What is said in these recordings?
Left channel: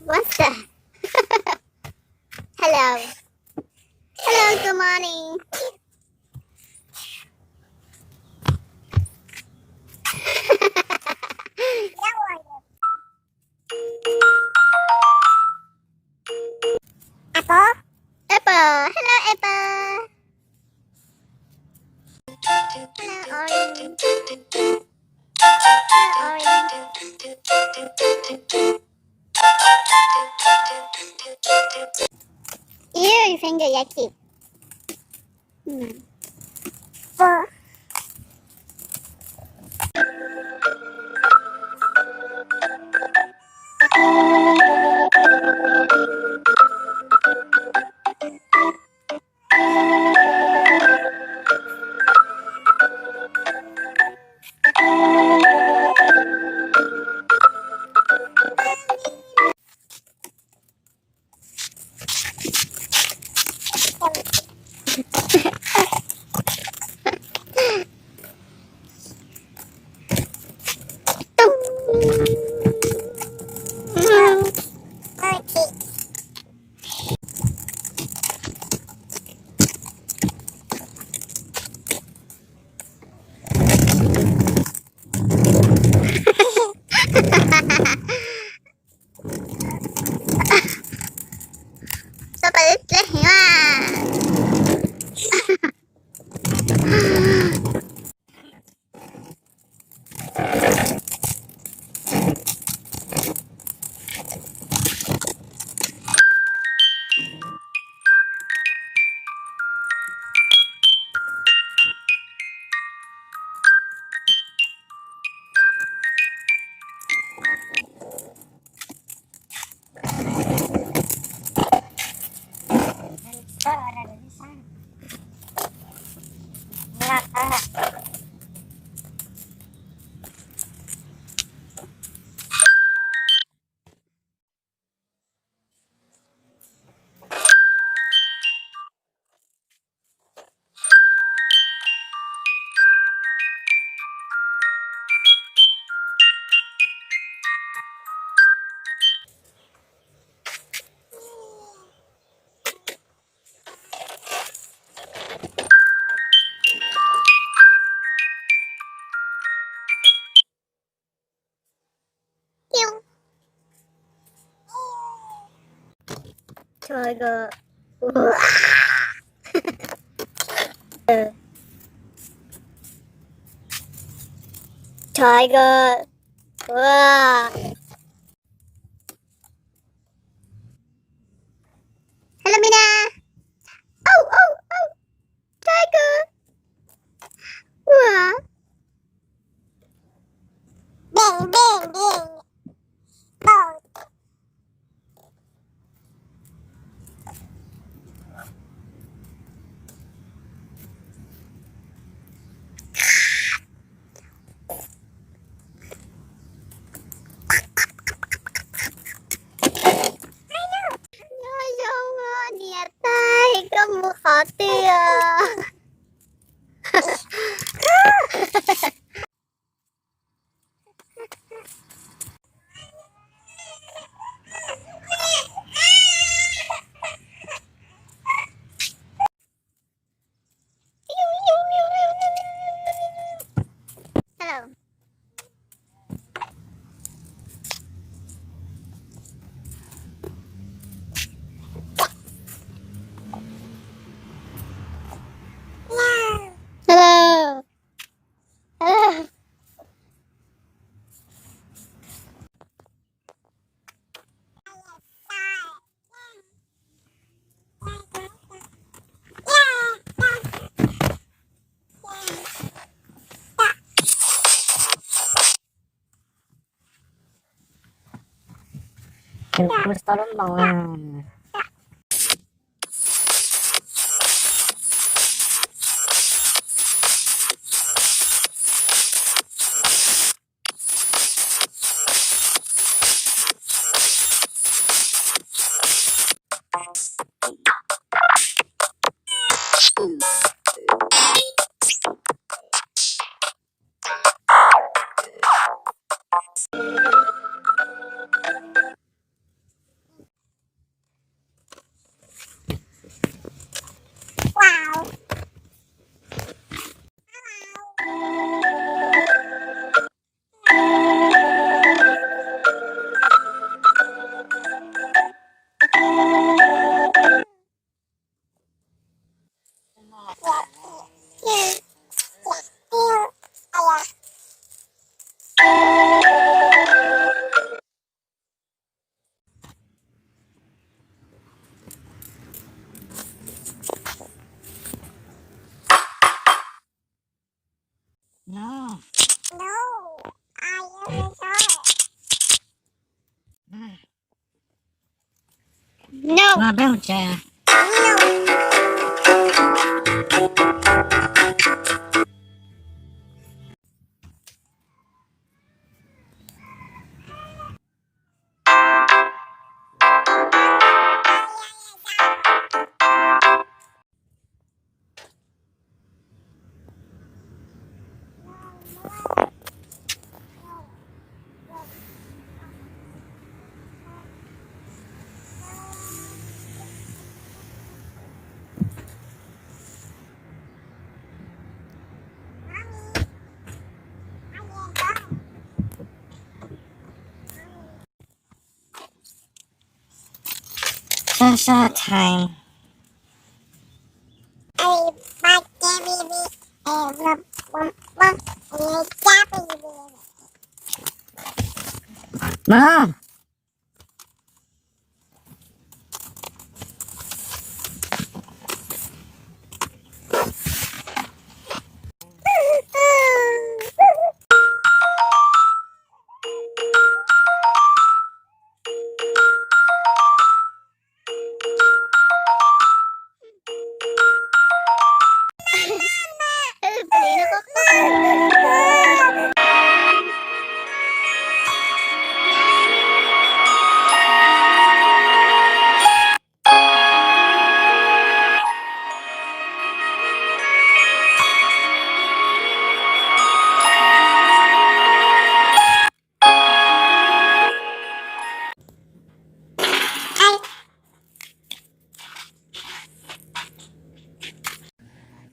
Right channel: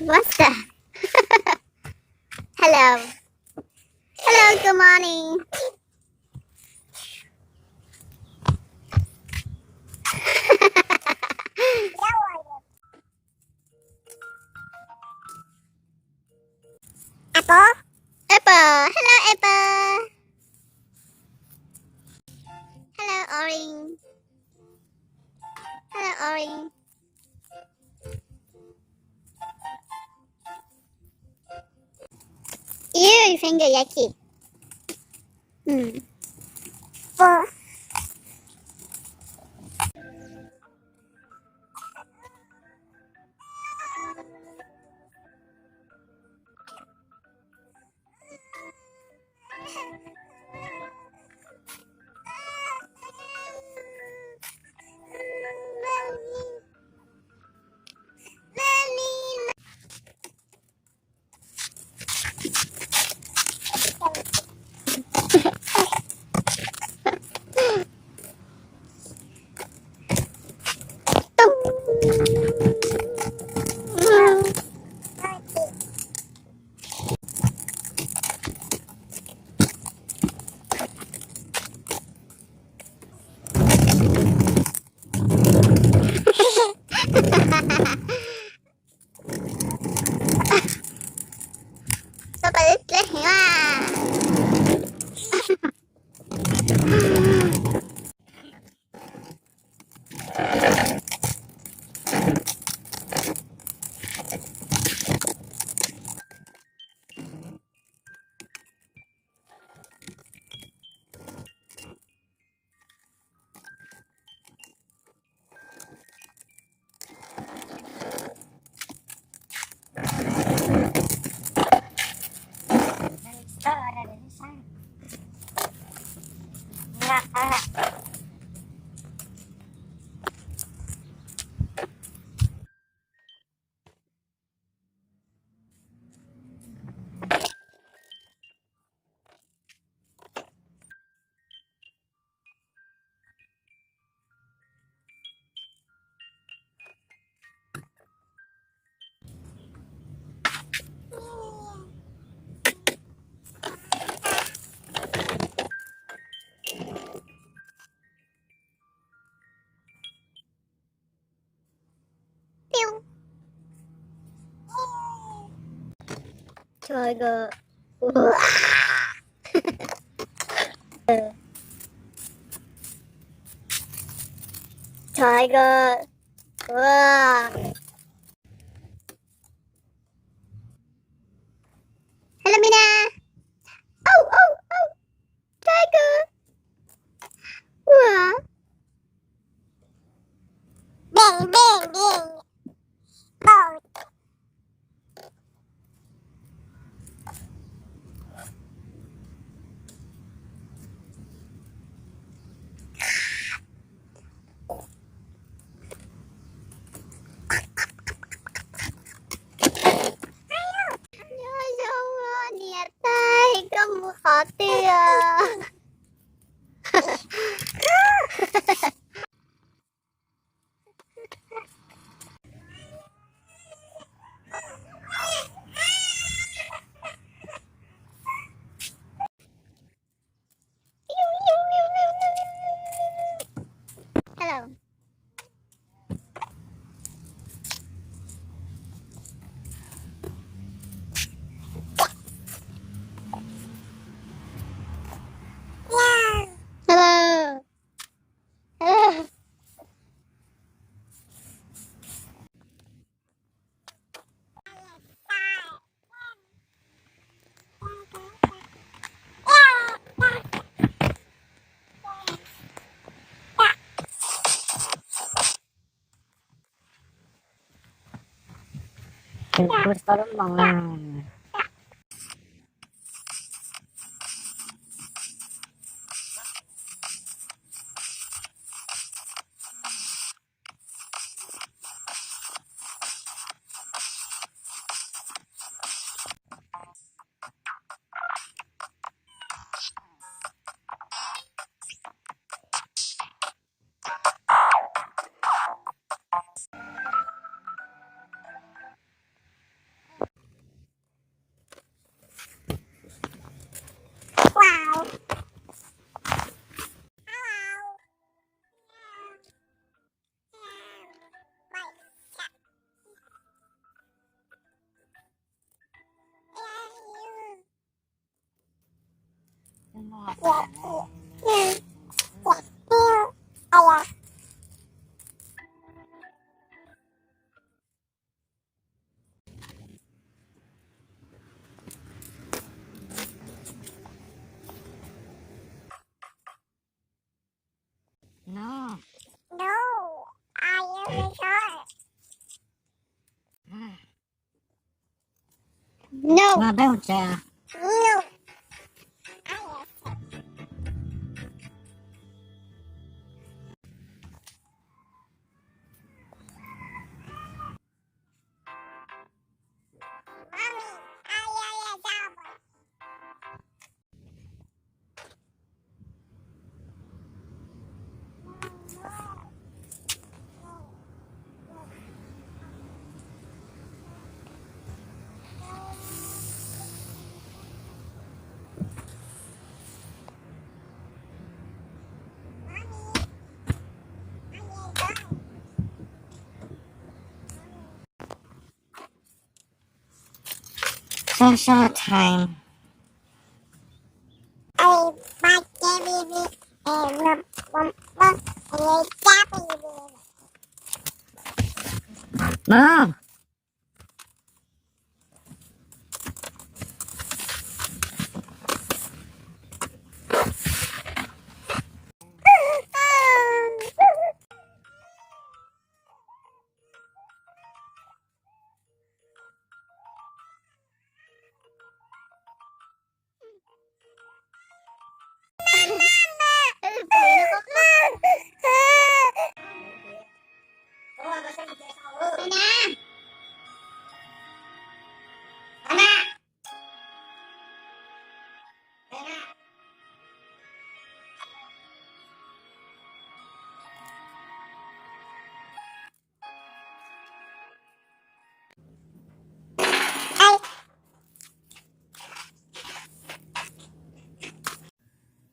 What's that? Hello. Hello, good morning. Apple? Apple. Hello, Apple. Hello, Orange. Hello, Orange. Ew, your finger yucky. Four. Sao bà lít lít hiểu à? Tiger. Tiger. Hello, Mina. Oh, oh, oh. Tiger. Bing, bing, bing. Oh. Niat tay, kamu khawatir. Hello. Hello. Hello. Terus tolong. No. Mà béo chè. Short time. No.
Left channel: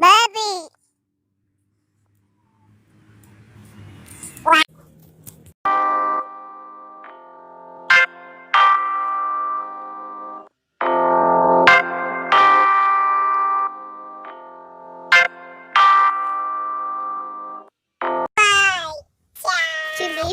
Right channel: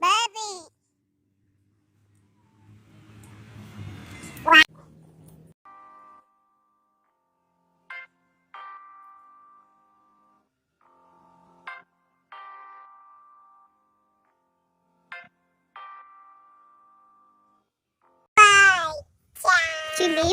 Baby. Chili.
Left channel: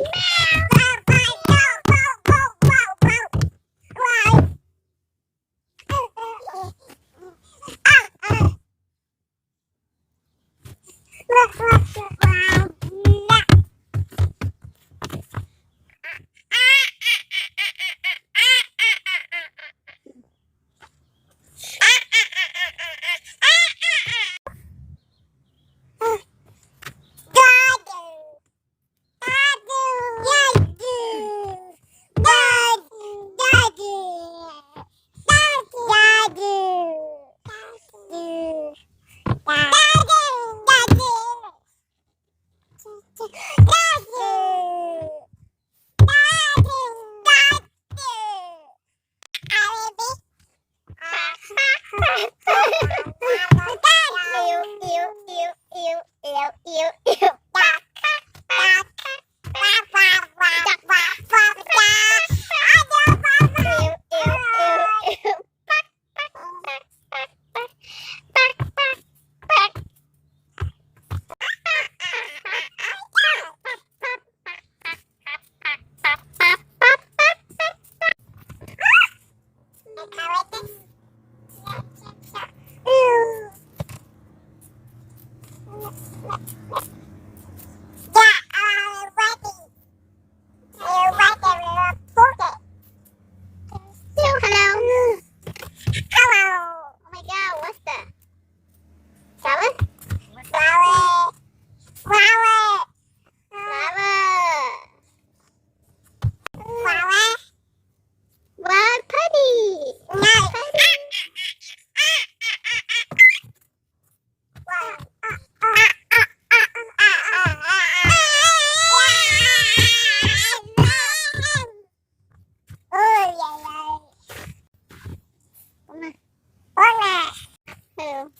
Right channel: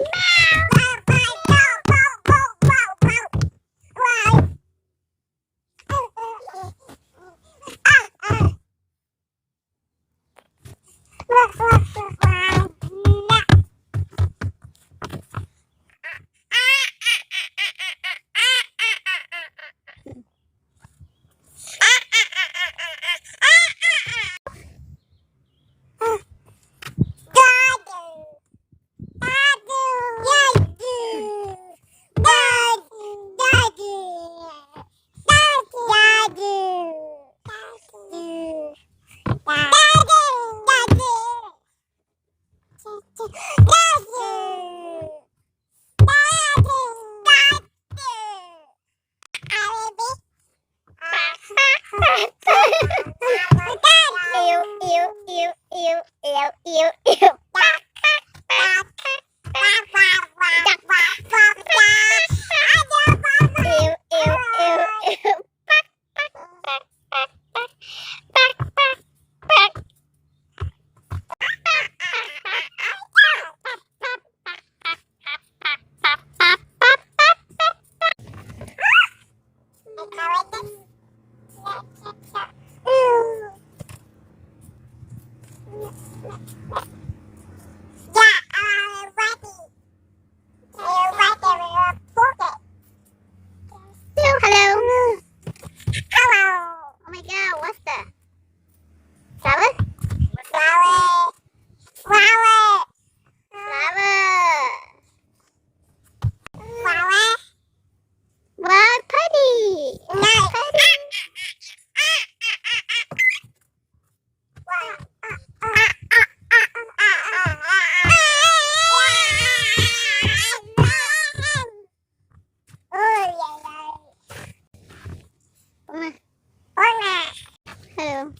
Hello.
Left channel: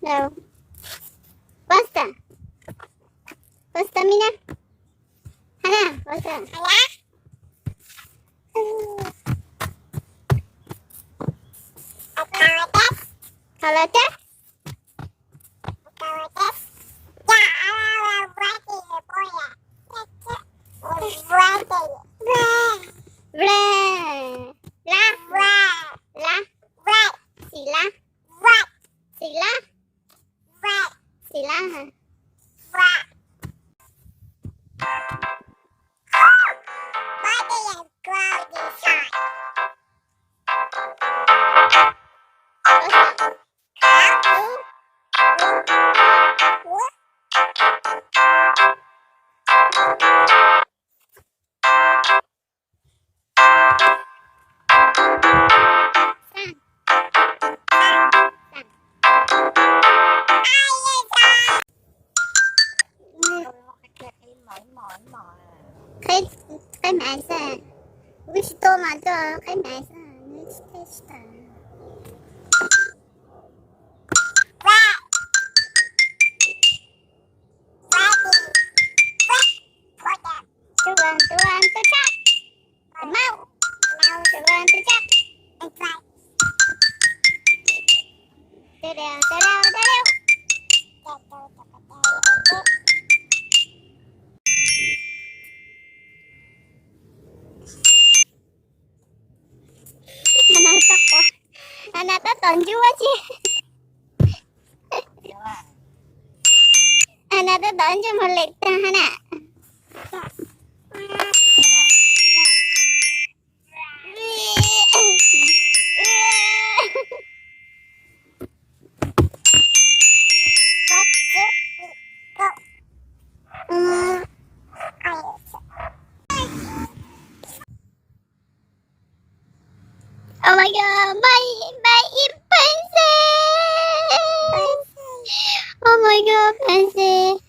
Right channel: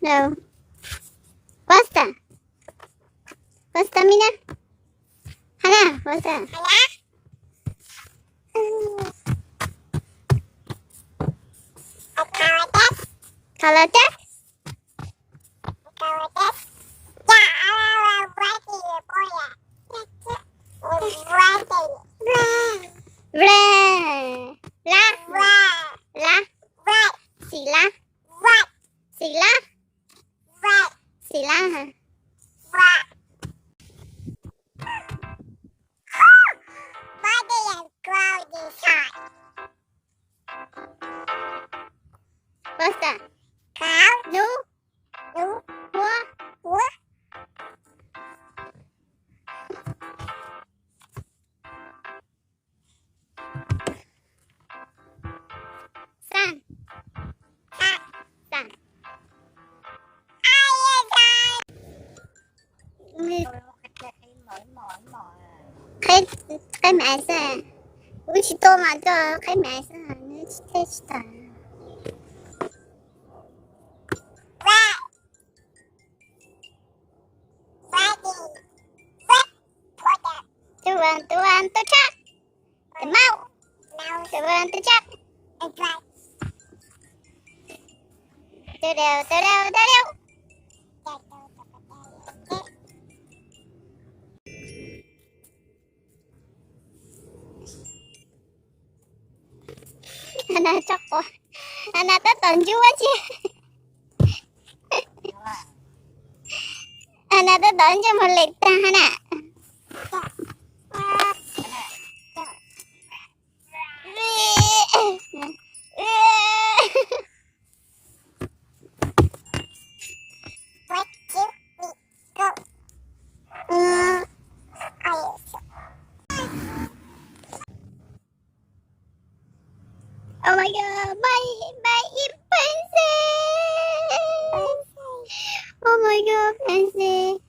No. Basta. Basta, Mina. Hana, basta. Kalatak? Vre. La. La. Sila. Sila. Sila. Cái mẹ sẽ 우리 또 맞아. cái mẹ sẽ 하는 테스트. Tuan, tu cak. Mau. Tuan, tu cak. Tu đều. Anak tak tonjol aja. Anak tak tonjol molek anak. Oh my god, my princess! Oh my god, princess!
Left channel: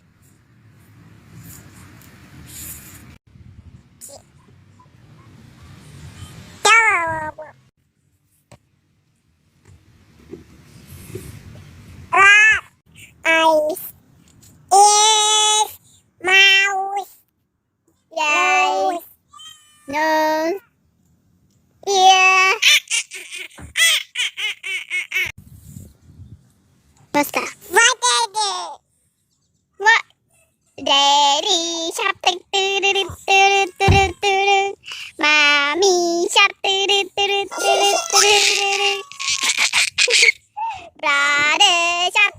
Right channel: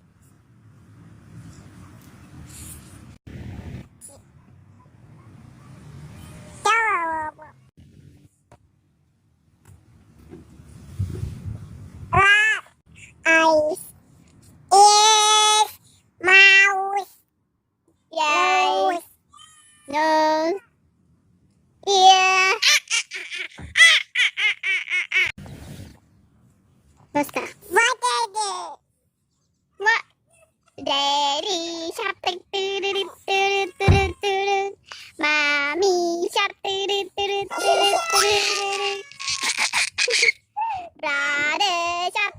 Eyes, ears, mouth, eyes, nose, ear. What's that? What is it? What? Daddy shark, mommy shark, brother shark,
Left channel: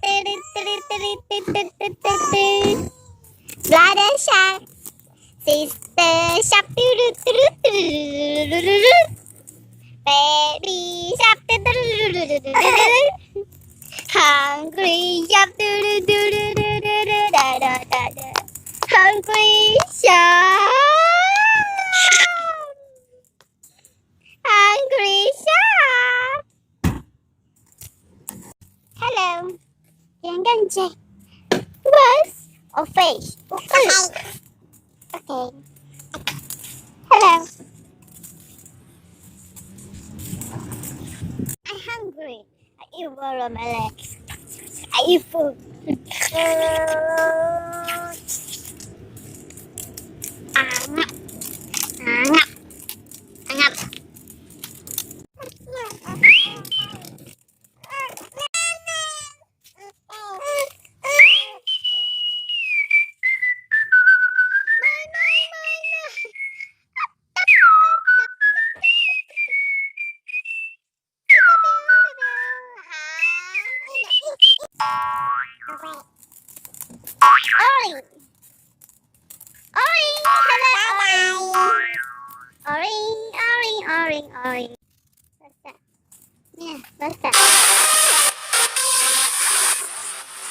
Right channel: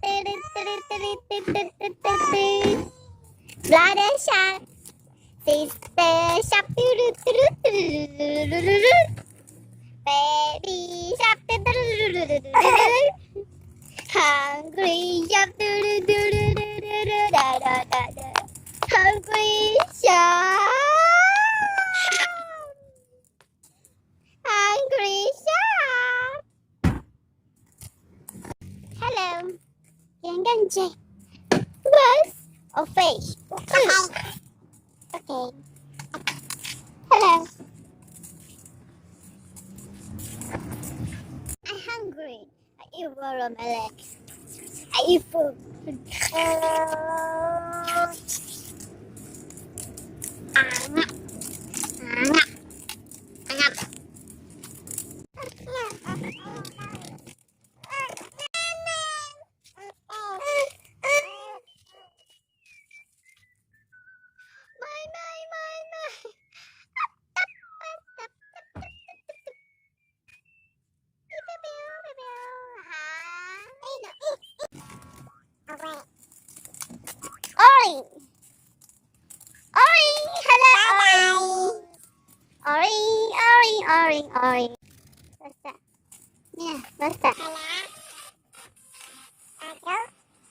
brother shark, sister shark, baby shark, hungry shark, hungry shark, hungry shark. Hello, jangan cek bus or fish. Okay. Hello. I'm hungry. I eat watermelon. I eat food. Angap. Oi! Hello! Oi! What's that? Yeah, what's that?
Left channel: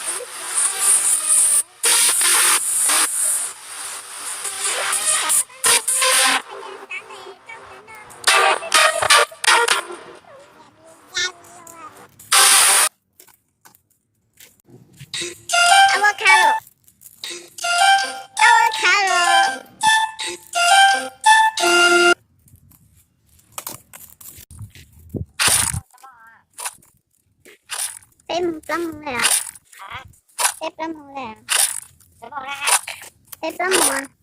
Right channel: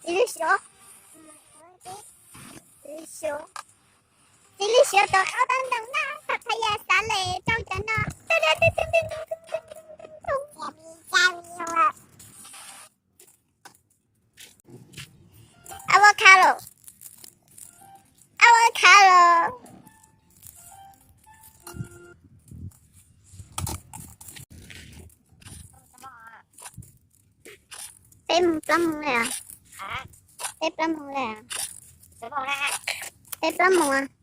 Are you sure? Kaya sale, trong na. Avocado. Tem plum nè. Tem plum nè. Tem plum nè.